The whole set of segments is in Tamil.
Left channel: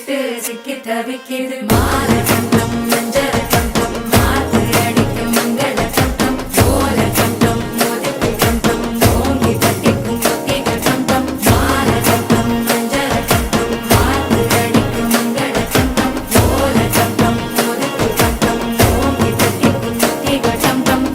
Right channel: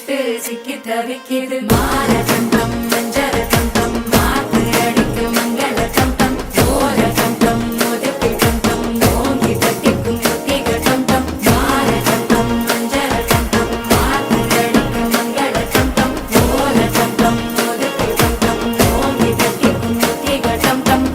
விட்டு சிக்கி தவிக்கிது மாற தந்தம் மஞ்சள் தந்தம் மாத்து அடிக்க மங்கள தந்தம் ஓர தந்தம் மோதிப்பி தந்தம் ஓங்கி தட்டிக்கும் ஒத்திகள் தந்தம் மாற தந்தம் மஞ்சள் தந்தம் மாத்து அடிக்க மங்கள தந்தம் ஓர தந்தம் மோதிப்பி தந்தம் ஓங்கி தட்டிக்கும் ஒத்திகள் தந்தம்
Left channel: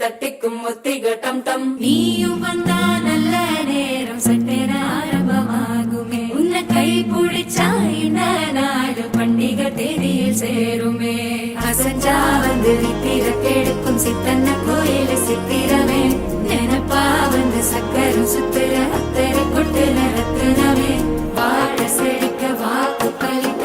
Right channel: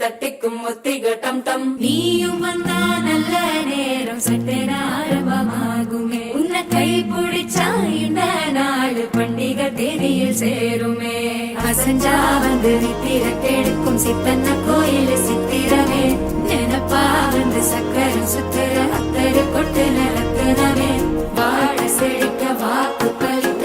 தட்டிக்கும் ஒத்திகள் டம் டம் நீயும் வந்தா நல்ல நேரம் சட்டென ஆரம்பமாகுமே உன்னை கை பிடிச்சா இந்த நாடு பண்டிகை தேதியில் சேருமே அசஞ்சா வந்து நித்திர கெடுக்கும் சித்தன்ன கோயில் சித்திரமே நினப்பா வந்து சக்கரம் சுத்துற அத்தரி கொட்டுல ரத்தினமே வாழ செழிக்க வாக்கு பலிக்க